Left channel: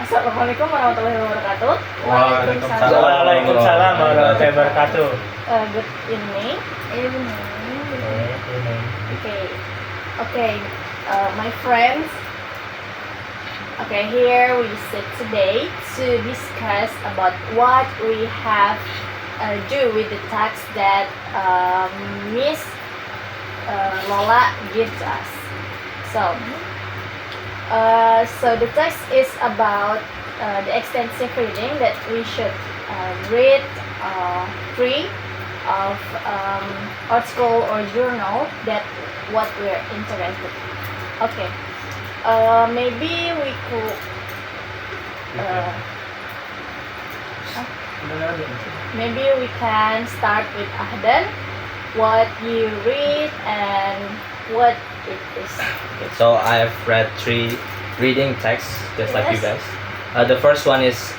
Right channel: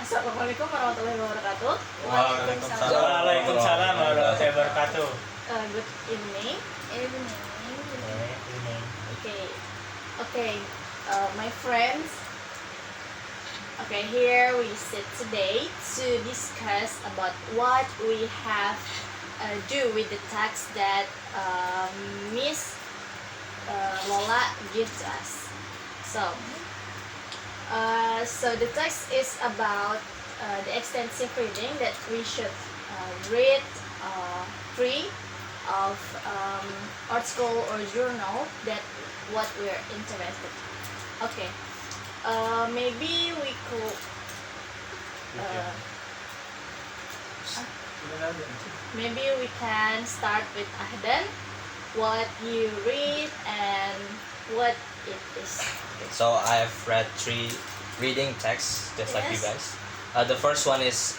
Assalamualaikum warahmatullahi wabarakatuh. Waalaikumsalam. Waalaikumsalam warahmatullahi wabarakatuh. Good evening. Okay. Okay. My friends. Okay, here we sit today to discuss about what we have do with the text that Miss Lola gives us. So the text is about the extensive reading that we should read 3 of article or journal that what we're interested. Okay. Maybe we could maybe we can start with Ahdan. What you read and what it is. So I have read 3 reading texts, just like you Yes. guys. The first one is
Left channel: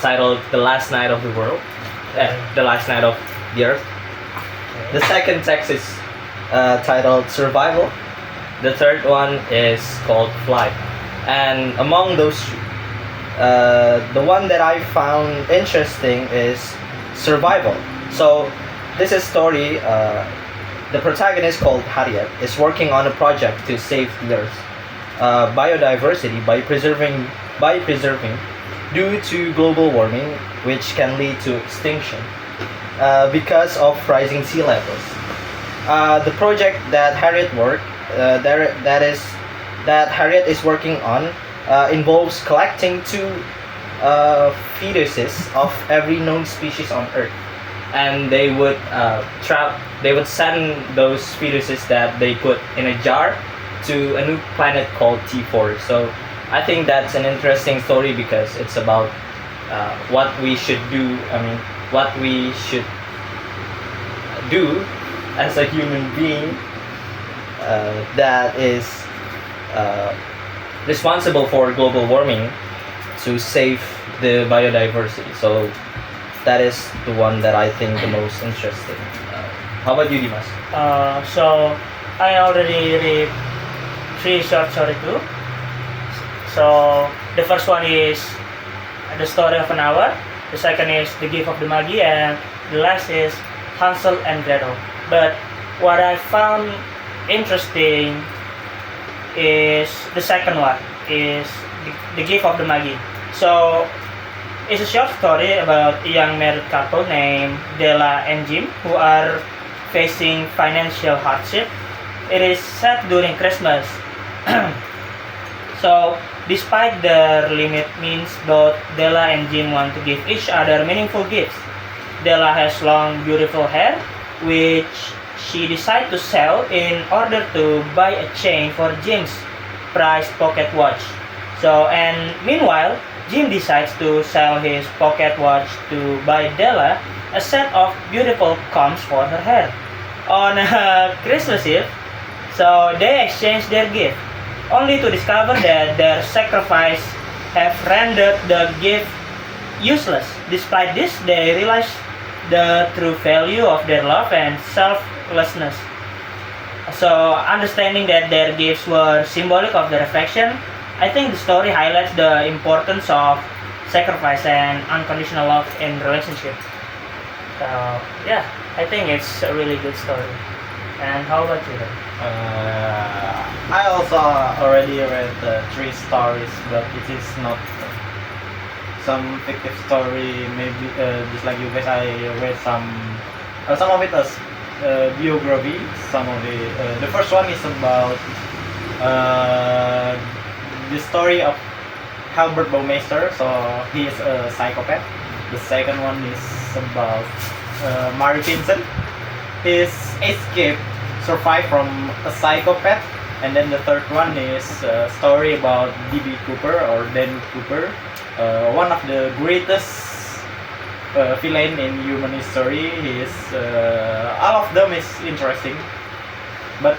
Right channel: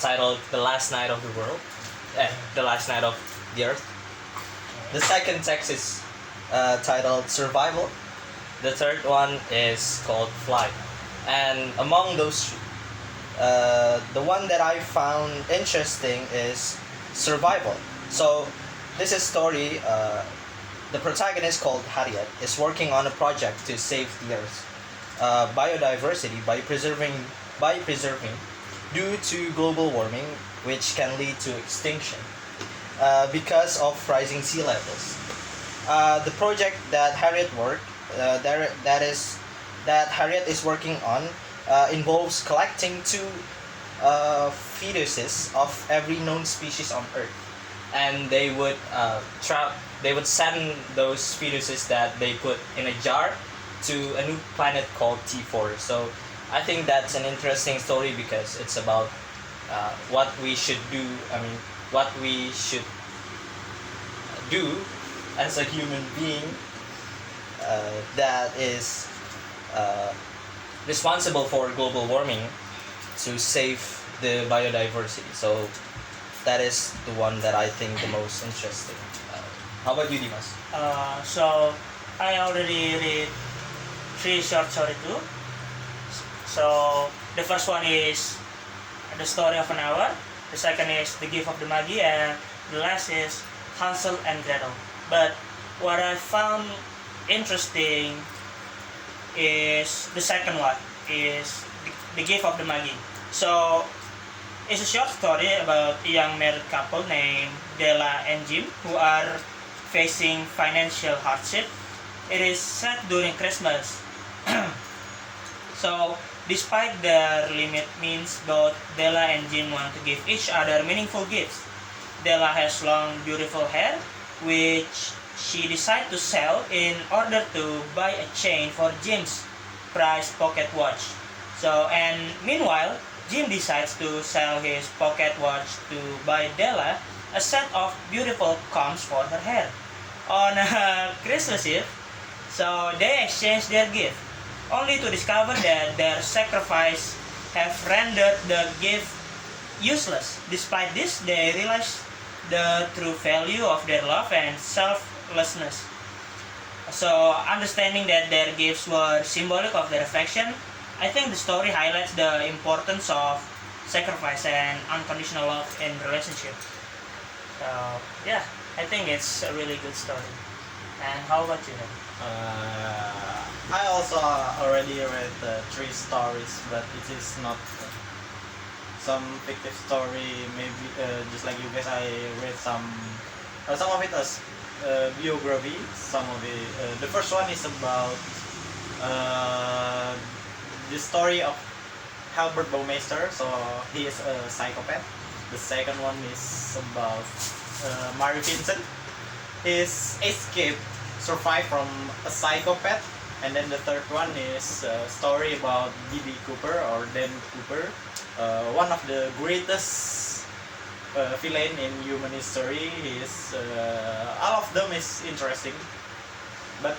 titled "The Last Night of the World," the last night of the Earth. The second text is titled "Survival." The third one is called "Flight." And among those, the one that I found interesting is "Survival." So this is a story. The protagonist, called Harriet, is working on a project to save the Earth's biodiversity by preserving due to global warming, which can lead to extinction because of rising sea levels. The project that Harriet is working on involves collecting 2 fetuses of every known species on Earth, and they would send those fetuses that they put in a jar to a new planet called T4. So I think that's an interesting story because it's about what we should do. What we should do as a human being that is responsible for global warming to save the biodiversity. So that is the one that I think the most interesting. How about you, Dimas? So I already read 3 short story too. So the first one is The Story of an Hour. The second is The Gift of the Magi, and the last is Hansel and Gretel. But what I found interesting is the second one, is the Gift of the Magi. So it's a short story about a young married couple named Della and Jim who are facing financial hardship. It is set during Christmas. So despite their limited means, both Della and Jim want to give each other meaningful gifts. Della has long, beautiful hair, which she decides to sell in order to buy a chain for Jim's prized pocket watch. And meanwhile, Jim decides to sell his pocket watch to buy Della a set of beautiful combs for her hair. On Christmas Eve, so they exchange their gift, only to discover that their sacrifice have rendered the gift useless. Despite this, they realize the true value of their love and selflessness. So, understanding that their gifts were symbolic of their affection, I think the story highlights the importance of sacrifice and unconditional love in relationship. So, yeah, I think it's a really good story. And how about you then? I also already read 3 stories, but it is not some fictive story. Maybe just like you guys, I read some of it as biography. Some of it. The first one is about the story of Albert Baumeister. So he is a psychopath. The second one is about Mary Vincent. His escape survive from a psychopath. And then the third one is a story about D.B. Cooper or Dan Cooper, one of the greatest villain in human history. All of them is interesting, but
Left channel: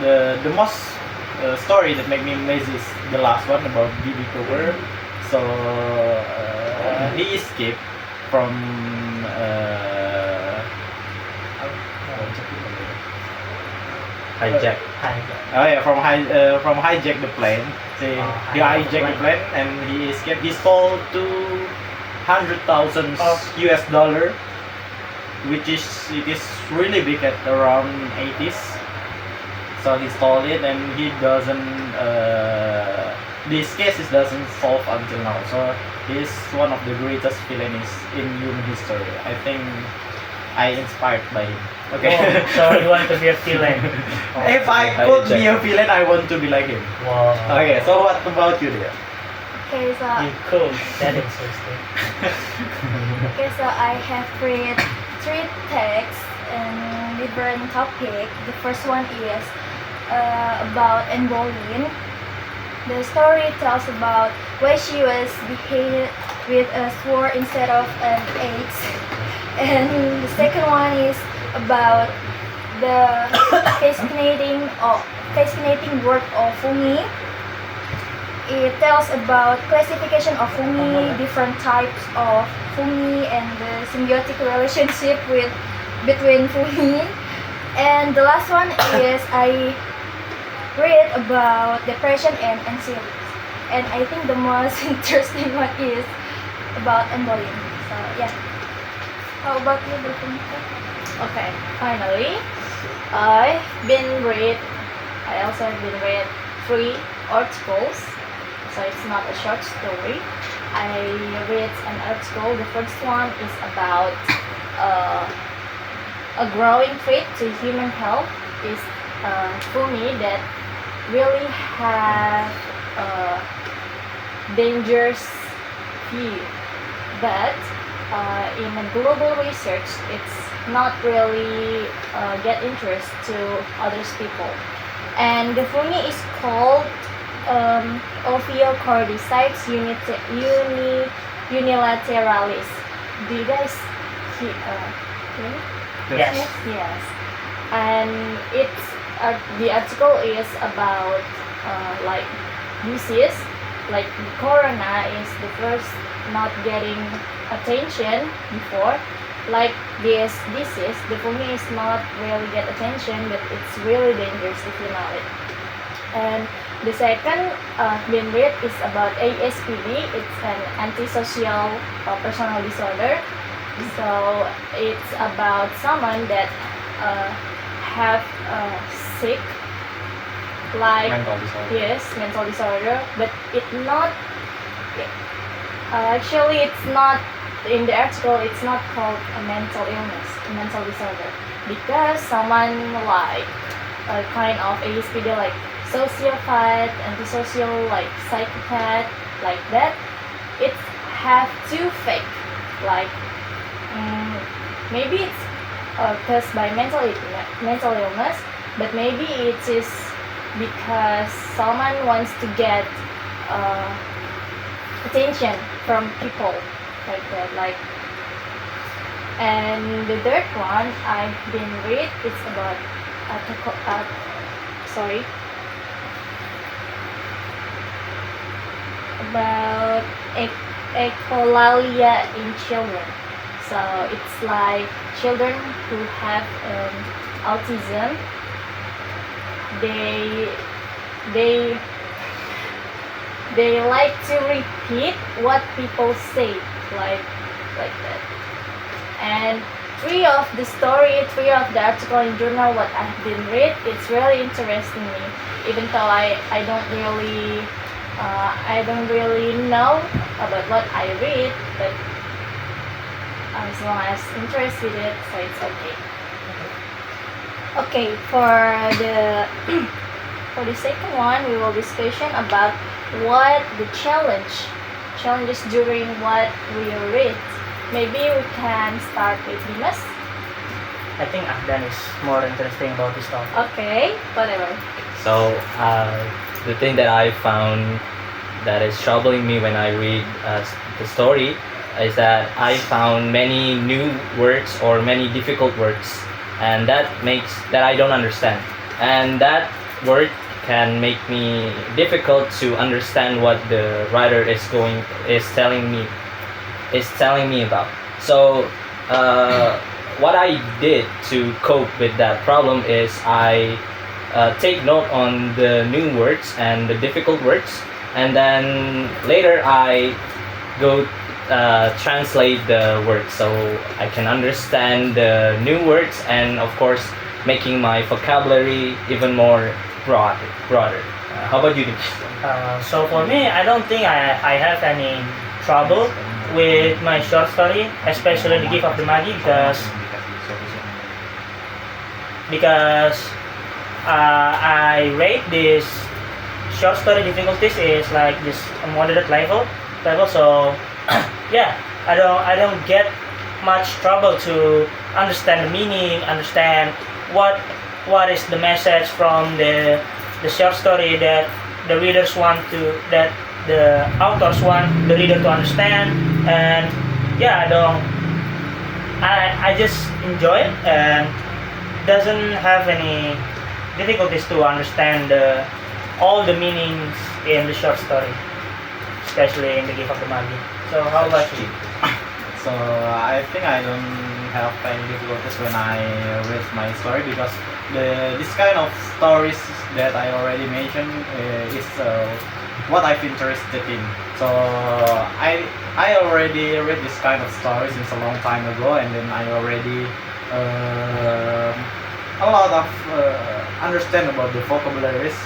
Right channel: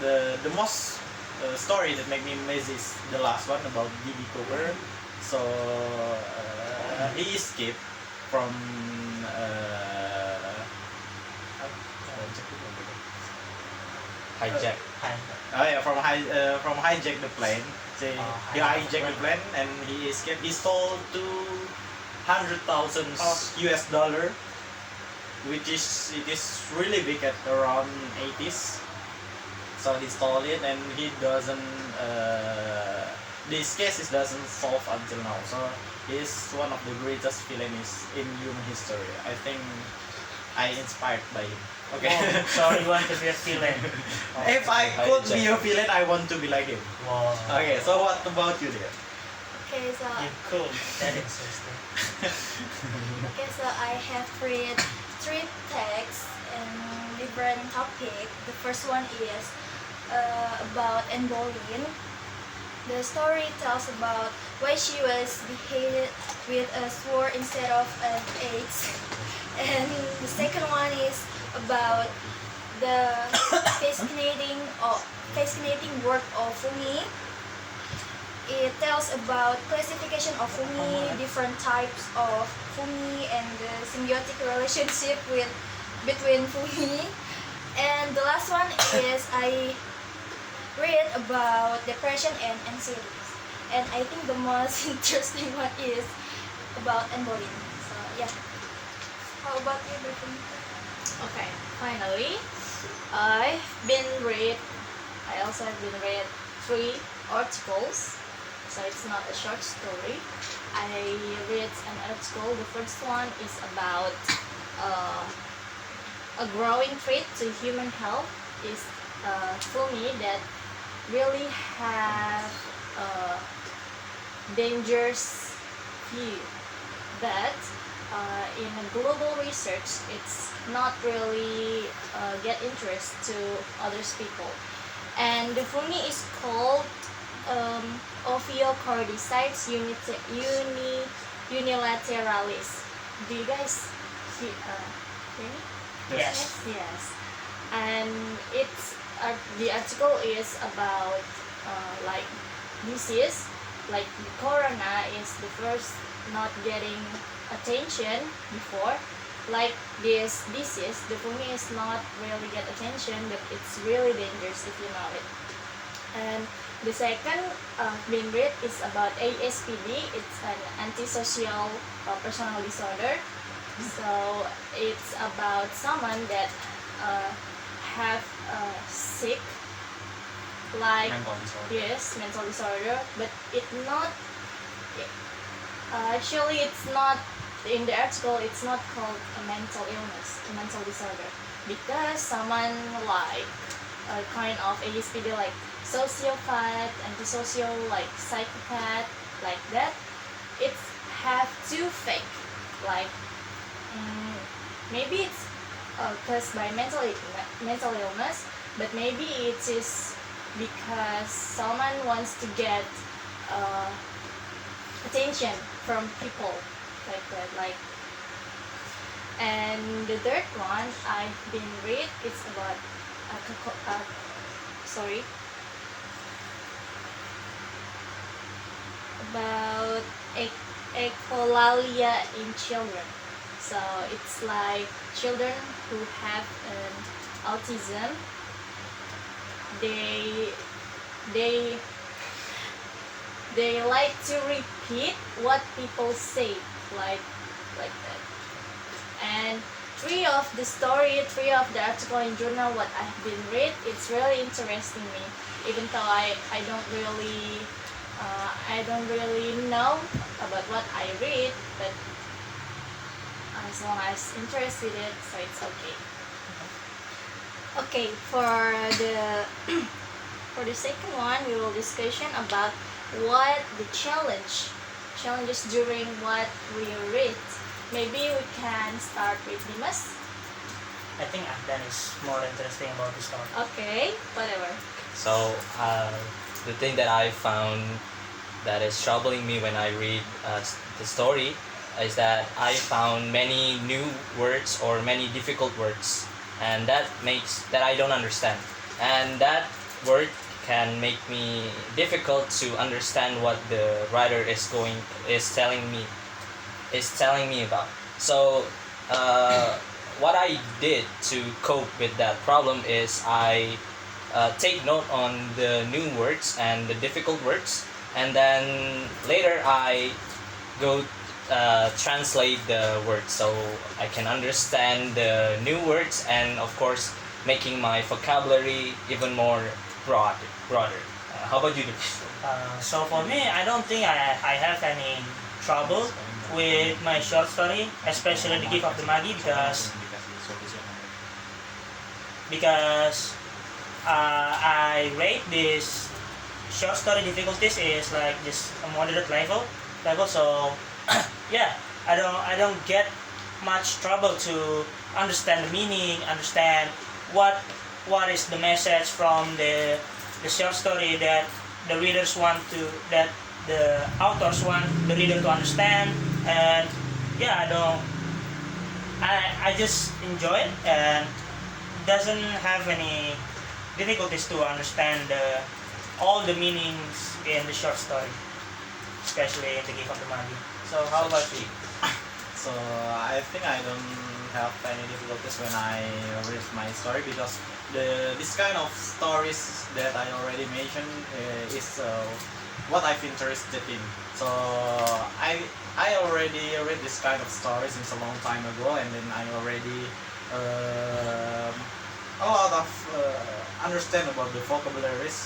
the most story that made me amazed is the last one about D.B. Cooper. So he escaped from Hijack. Oh yeah, from hijack the plane. See, Oh, he hijack hijacked the the plane and he escaped. He stole 200,000 US dollar, which is it is really big at around 80s. So he stole it and he doesn't. This case is doesn't solve until now. So he's one of the greatest villains in human history. I think I inspired by him. Okay. Oh, so you want to be a villain? If I could be a villain, I want to be like him. Wow. Okay, so what about you, dear? Okay, so You cool. That interesting. I have read 3 texts in different topic. The first one is about Anne Boleyn. The story tells about why she was beheaded with a sword instead of an axe. And the second one is about the fascinating work of Fumi. It tells about classification of Fumi, different types of Fumi, and the symbiotic relationship between Fumi. And the last one is I read about depression and anxiety. And I think the most interesting one is about Anne Boleyn. So yeah. How about you, Bhutan? Okay, finally, I also have been read 3 articles, so it's not a short story. I read an article. The first one is about a growing threat to human health is Fumi that really have dangerous view, but in a global research, it's not really get interest to others people. And the Fumi is called Ophiocordyceps unilateralis. Do you guys hear? Really? Yes. Yes. And it's the article is about like disease, like corona is the first not getting attention before. Like this disease, the Fumi is not really get attention, but it's really dangerous if you know it. And the second being read is about ASPD. It's an antisocial personal disorder. So it's about someone that have sick, like Mental disorder. yes, mental disorder, but it's not. Actually, it's not in the article. It's not called a mental illness, a mental disorder, because someone like a kind of ASPD, like sociopath, antisocial, like psychopath, like that. It's have two fake, like maybe it's caused by mental illness, but maybe it is because someone wants to get attention from people, like that, like. And the third one I've been read is about about echolalia in children. So it's like children who have autism. They like to repeat what people say, like that. And three of the article in journal what I've been read, it's really interesting me, even though I don't really know about what I read, but as long as interested in it, so it's okay. Okay, for the second one, we will discussion about what the challenges during what we read. Maybe we can start with Dimas. I think Ahdan is more interesting about this topic. Okay, whatever. So the thing that I found that is troubling me when I read the story is that I found many new words or many difficult words, and that I don't understand, and that word can make me difficult to understand what the writer is telling me about. So what I did to cope with that problem is I take note on the new words and the difficult words, and then later I go translate the words so I can understand the new words, and of course making my vocabulary even more broader. How about you? So for me, I don't think I have any trouble with my short story, especially The Gift of the Magi, because I rate this short story difficulties is like this moderate level. So yeah, I don't get much trouble to understand the meaning, understand what is the message from the short story that the readers want to, that the authors want the reader to understand. And yeah, I just enjoy it and doesn't have any difficulties to understand all the meanings in the short story, especially in The Gift of the Magi. So how about you? So I think I don't have any difficulties when I read my story, because this kind of stories that I already mentioned is what I've interested in. So I already read this kind of stories since a long time ago, and then I already a lot of understand about the vocabularies,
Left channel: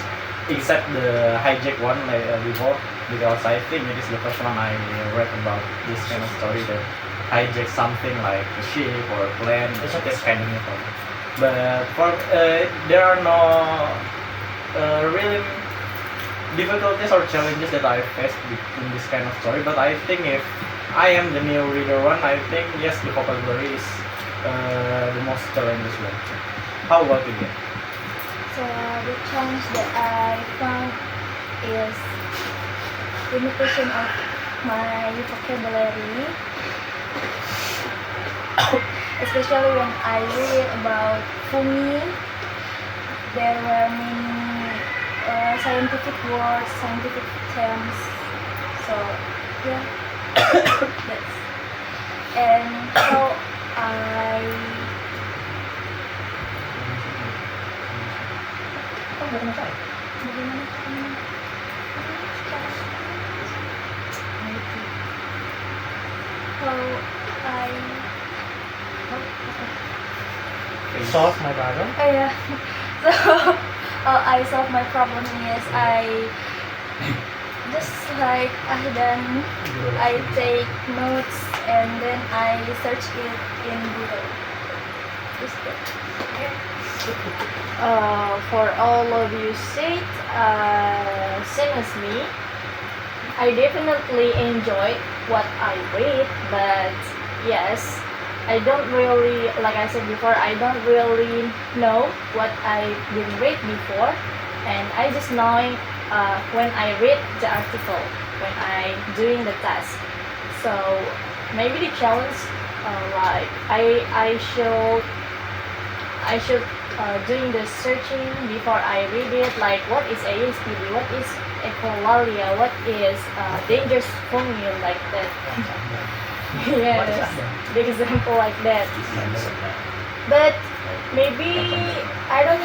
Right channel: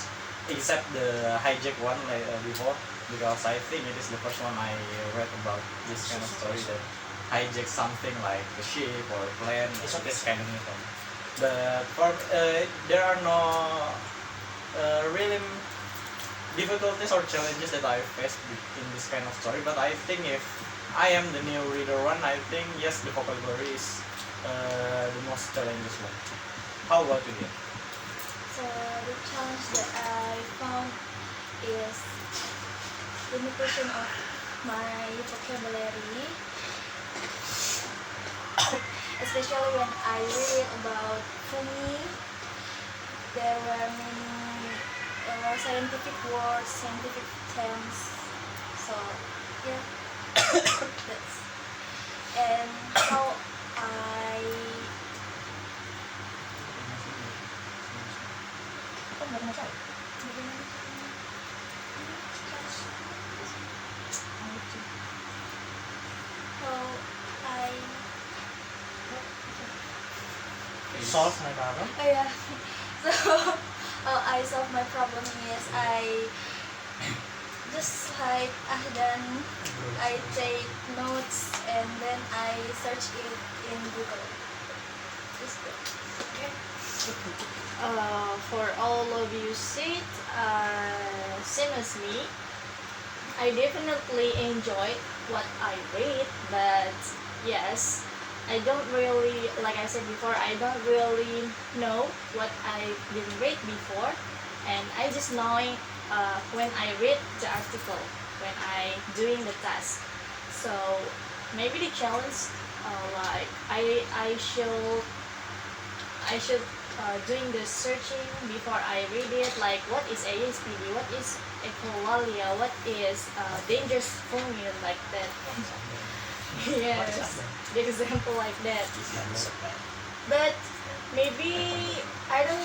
except the hijack one like before, because I think it is the first one I read about this kind of story that hijack something like a ship or a plane. It's kind of new for me. But for there are no really difficulties or challenges that I faced in this kind of story. But I think if I am the new reader one, I think yes, the vocabulary is the most challenging one. How about you? So the challenge that I found is limitation of my vocabulary, especially when I read about fungi. There were many scientific words, scientific terms. So yeah, that's and how I. Solve my problem. Oh yeah. So I solve my problem is I just like I take notes and then I search it in Google. Just that. For all of you said, same as me, I definitely enjoyed what I read, but yes, I don't really, like I said before, I don't really know what I didn't read before, and I just knowing when I read the article, when I doing the task. So maybe the challenge, like I should doing the searching before I read it, like what is ASPD, what is echolalia, what is dangerous fungi, like that. Yes, big example like that. But maybe I don't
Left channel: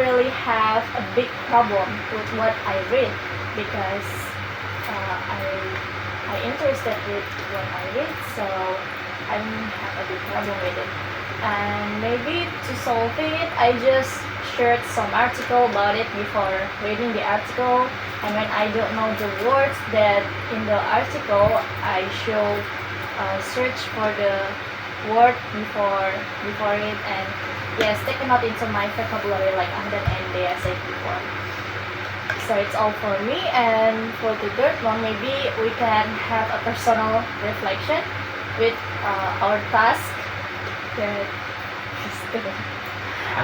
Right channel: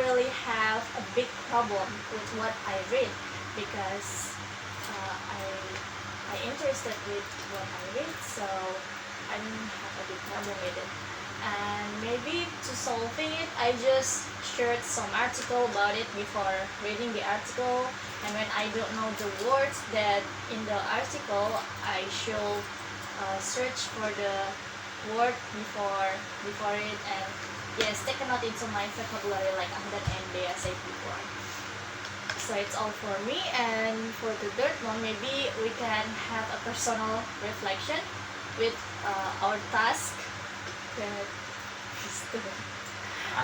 really have a big problem with what I read, because I interested with what I read, so I don't have a big problem with it. And maybe to solve it, I just searched some article about it before reading the article, and when I don't know the words that in the article, I should search for the word before it, and yes, take a note into my vocabulary like Ahdan and Dea said before. So it's all for me, and for the third one, maybe we can have a personal reflection with our task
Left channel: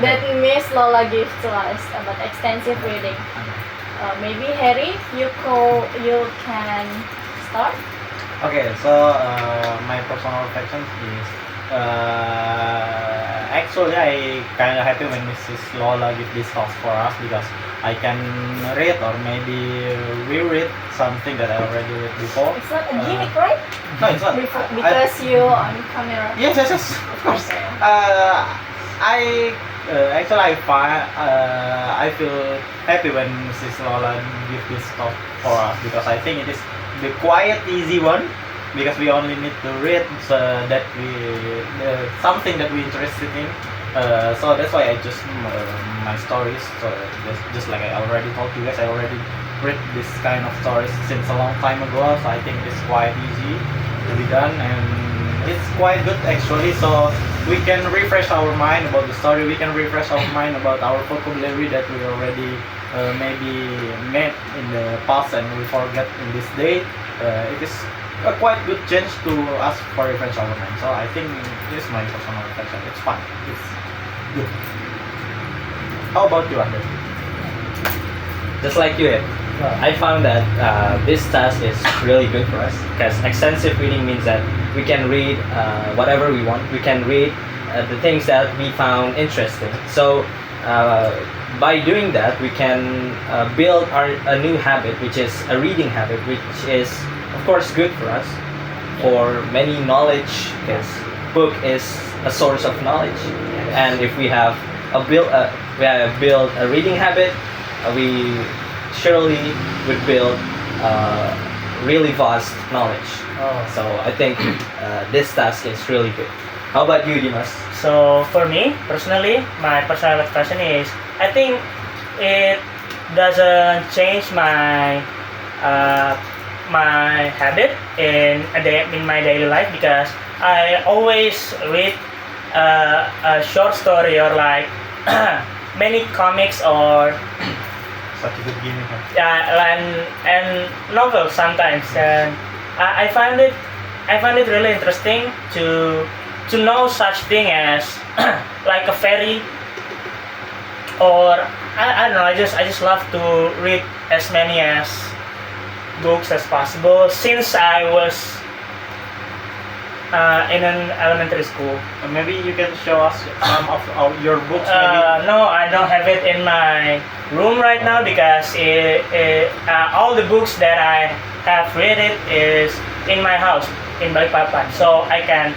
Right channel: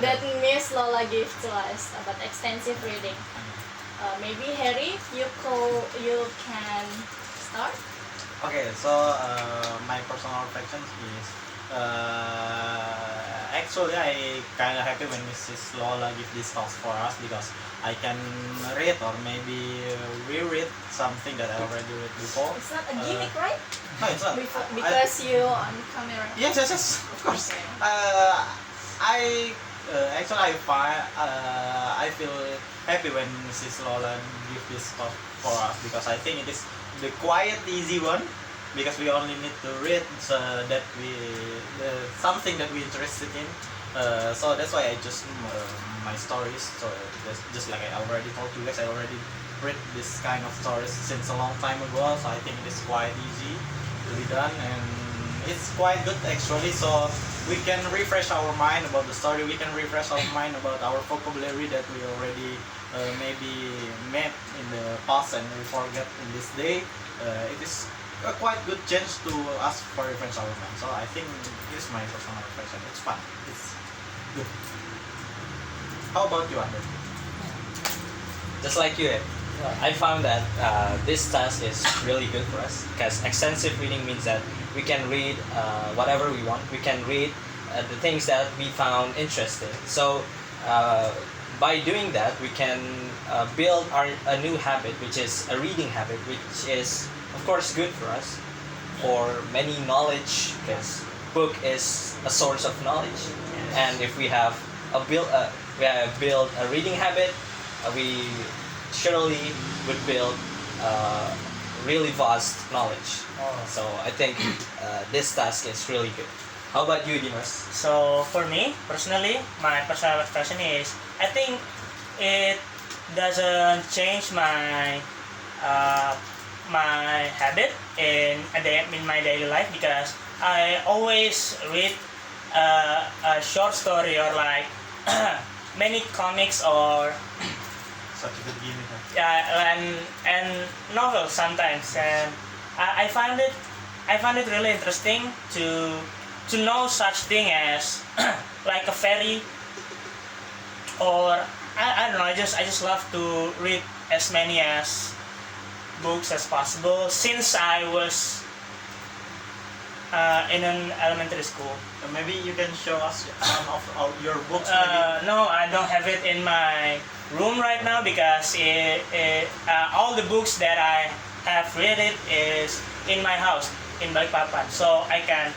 that Miss Lola gave to us about extensive reading. Maybe Harry, you can start. Okay, so my personal reflection is actually I kind of happy when Mrs. Lola give this task for us, because I can read or maybe reread something that I already read before. It's not a gimmick, right? No, it's not. Because you on camera. Yes, of course. Okay. I Actually, I feel happy when Mrs. Lola give this talk for us because I think it is the quiet, easy one because we only need to read so that we something that we interested in. So that's why I just my stories. So just like I already told you guys, I already read this kind of stories since a long time ago. So I think it's quite easy to be done and it's quite good actually. So we can refresh our mind about the story. We can refresh our mind about our vocabulary that we already maybe met in the past and we forget in this day. It is a quite good chance to us for refresh our mind. So I think this is my personal reflection. It's fun. It's good. How about you, Andre? Just like you, I found that this task is really good for us because extensive reading means that we can read whatever we want. We can read the things that we found interesting. So by doing that, we can build a new habit, which is a reading habit, which is of course good for us for many knowledge because book is a source of knowledge. And if we have build a reading habit, we surely would build really vast knowledge. So I think this task is really good. How about you, Dimas? So for me personally, my personal expression is I think it doesn't change my my habit in my daily life because I always read a short story or like many comics or Such a good game. and novels sometimes, and I find it really interesting to know such thing as like a fairy or I don't know. I just love to read as many as books as possible since I was in an elementary school. Maybe you can show us some of your books. Maybe. No, I don't have it in my room right now because all the books that I have read it is in my house in Balikpapan. So I can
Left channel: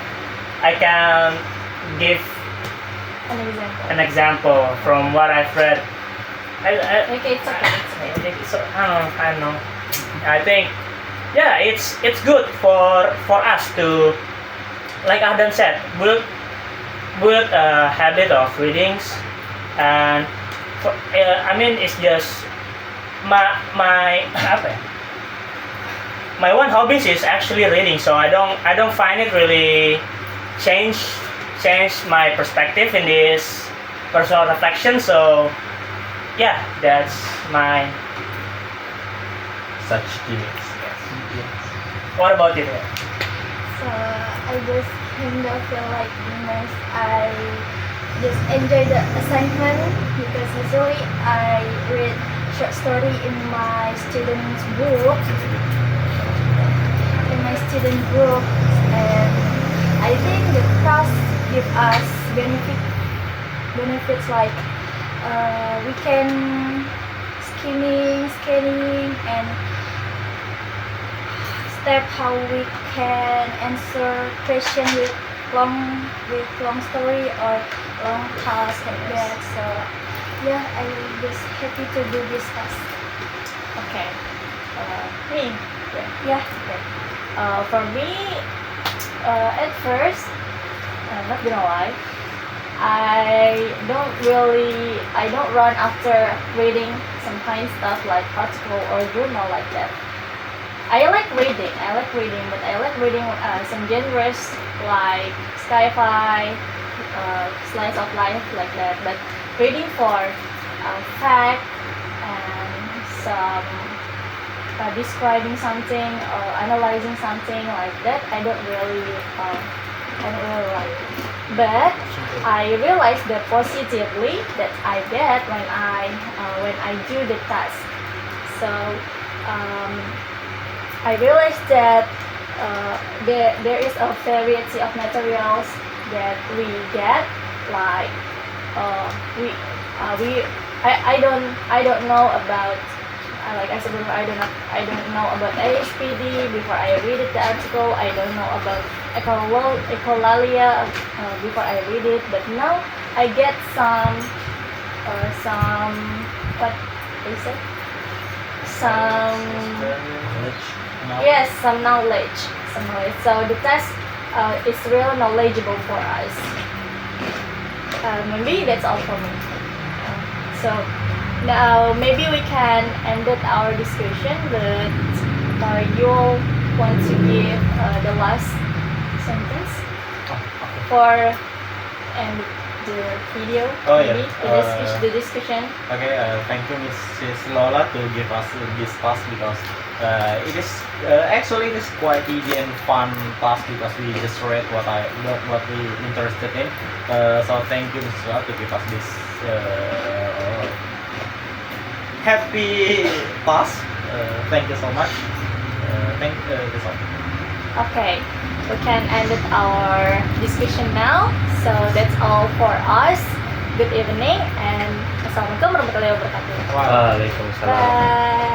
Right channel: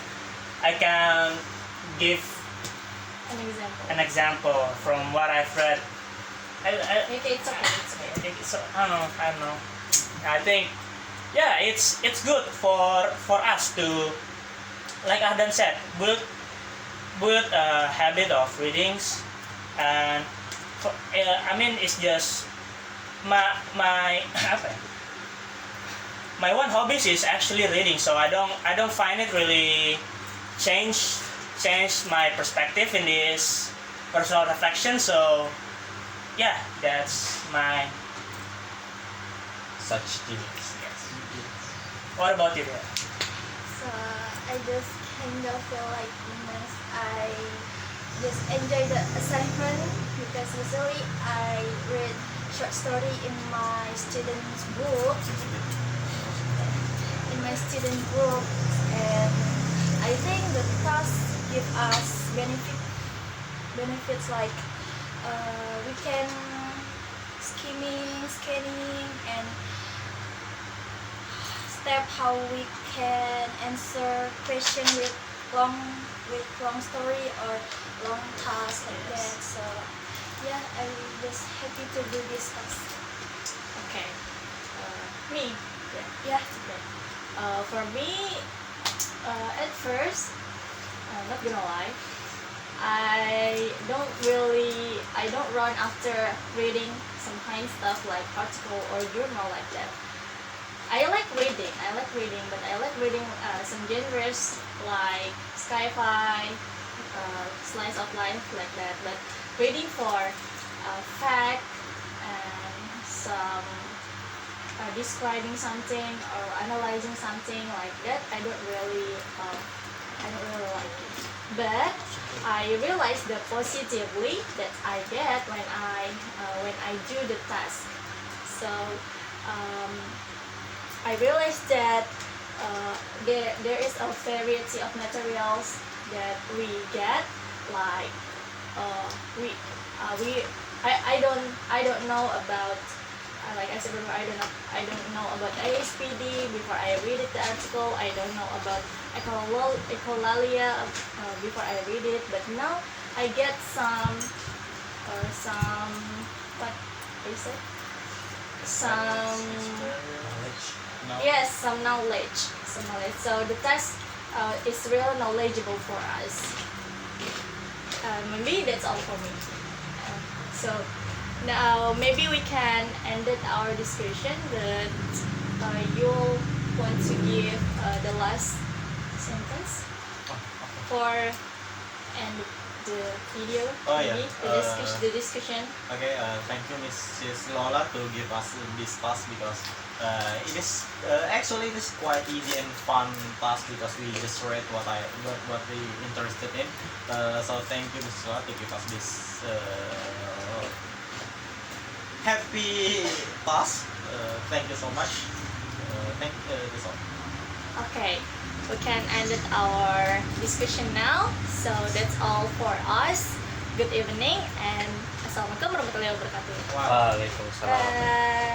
give An example. an example from what I've read. Okay, it's okay. It's okay. I don't know. I think yeah, it's good for us to, like Ahdan said, build a habit of readings, and I mean it's just my apa ya? My one hobbies is actually reading, so I don't find it really change my perspective in this personal reflection. So yeah, that's my Such genius. what about you? So I just kind of feel like Dimas, I just enjoy the assignment because usually I read short story in my student's book, and I think the task give us benefits like we can scanning and step how we can answer question with long story or long task like that. So yeah, I just happy to do this task. Okay. Me. Yeah. For me, at first, I'm not gonna lie, I don't run after reading some kind of stuff like article or journal like that. I like reading, but I like reading some genres like sci-fi, slice of life like that. But reading for fact and some describing something or analyzing something like that, I don't really like. But I realized the positively that I get when I do the task. So I realized that there is a variety of materials that we get, like I don't know about like I said before, I don't know about ASPD before I read the article. I don't know about echolalia before I read it. But now I get some what do you say? Some yes, some knowledge. So the test is real knowledgeable for us. Maybe that's all for me. So now maybe we can end our discussion, but you want to give the last sentence for end the video, Oh, yeah. maybe the discussion. Okay, thank you, Mrs. Lola, to give us this task because it is actually it is quite easy and fun task because we just read what we interested in. So thank you, Mrs. Lola, to give us this happy task. Thank you so much. That's all. Okay, we can end our discussion now. So that's all for us. Good evening and assalamualaikum warahmatullahi wabarakatuh. Wow. Waalaikumsalam. Bye.